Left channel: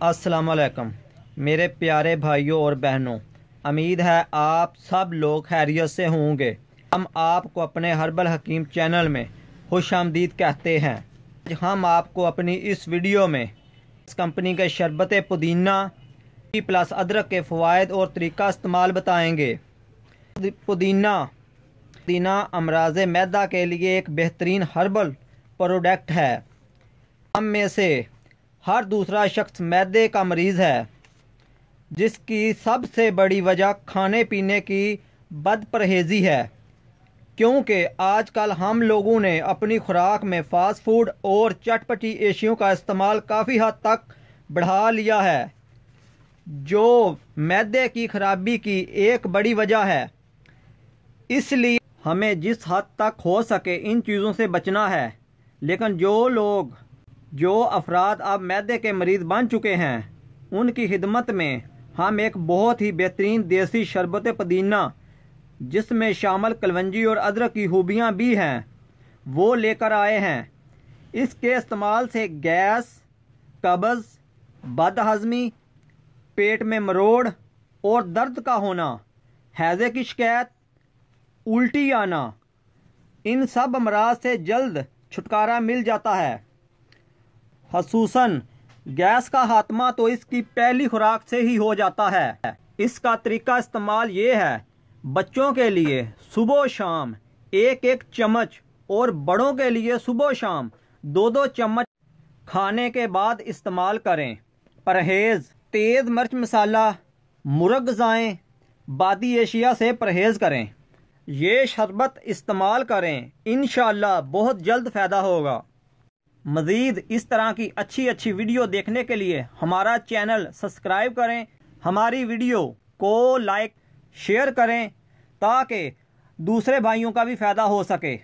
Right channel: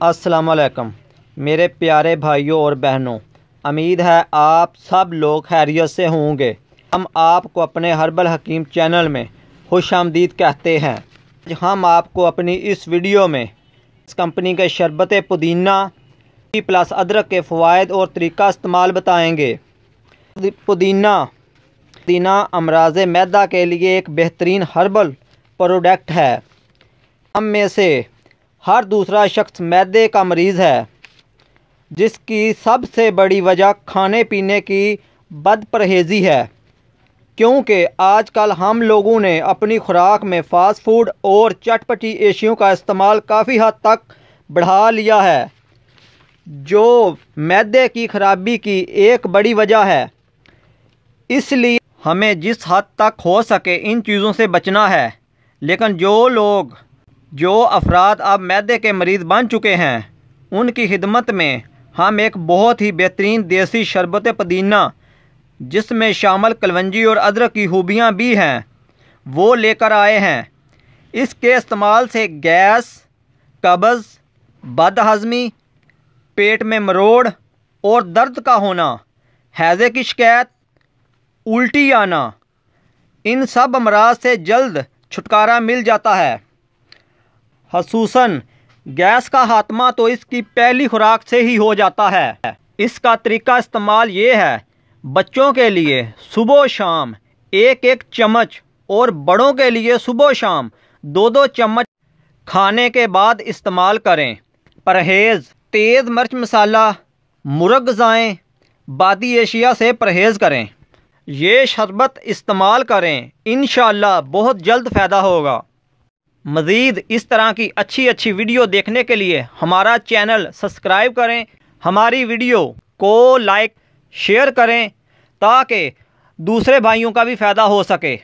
अस्सलामुअलैकुम मेरे प्यारे भाइयों और बहनों, उम्मीद है आप सब लोग खैरियत से होंगे। हम आपको अपने हर्बल हकीम चैनल में खुशामदीद कहते हैं। हम आपको अपनी इस वीडियो में इस कंपनी के शरबत पुदीना प्लस अदरक के फ़वाइद और तरीका इस्तेमाल बताएंगे। पुदीना अमराज मैदा के लिए एक बेहतरीन हर्बल प्रोडक्ट है। हम में से हर दूसरा शख्स मैदे का मरीज़ है, जिसकी सबसे बड़ी वजह खाने पीने की बदपरहेज़ी है। क्योंकि आजकल हम लोगों ने अपनी खुराक में फ़ास्ट फूड और चटपटी एशियों का इस्तेमाल काफ़ी हद तक बढ़ा लिया है, जो मैदे की खराबी की एक बड़ी वजह है। इसलिए हमें जिस हद तक हो सके इन चीज़ों से बचना है। लेकिन जो अफराद अब मैदे के मरीज़ बन चुके हैं, उनकी खिदमत में हम एक बहुत ही बेहतरीन देसी शरबत पुदीना, जिसमें शामिल कलवंजी और अदरक की खूबियाँ भी हैं, वो लेकर आए हैं। इसके इस्तेमाल से गैस, कब्ज़, बदहज़मी, पेट में मरोड़ और दर्द का होना, हैज़े की शिकायत, उल्टी आना, इन सब अमराज से जल्द छुटकारा मिल जाता है। ख़ुसूसन गैस का खात्मा तो इसकी पहली खुराक से ही हो जाता है। इसका तरीका इस्तेमाल ये है, बच्चों के लिए सुबह शाम एक एक चम्मच और बड़ों के लिए सुबह शाम 2-2 चम्मच खाने के बाद इस्तेमाल करें। परहेज़, तेज़ मिर्च मसाला, मुर्ग ग़िज़ाएँ, बादी एशिया से परहेज़ करें। ये शरबत इस्तेमाल करें, इंशाअल्लाह बहुत जल्द फ़ायदा होगा। मज़ीद इस तरह की अच्छी वीडियो देखने के लिए हमारा चैनल सब्सक्राइब करें, हमारी वीडियो को लाइक शेयर करें, ताकि दूसरे भाइयों का भी फ़ायदा हो सके।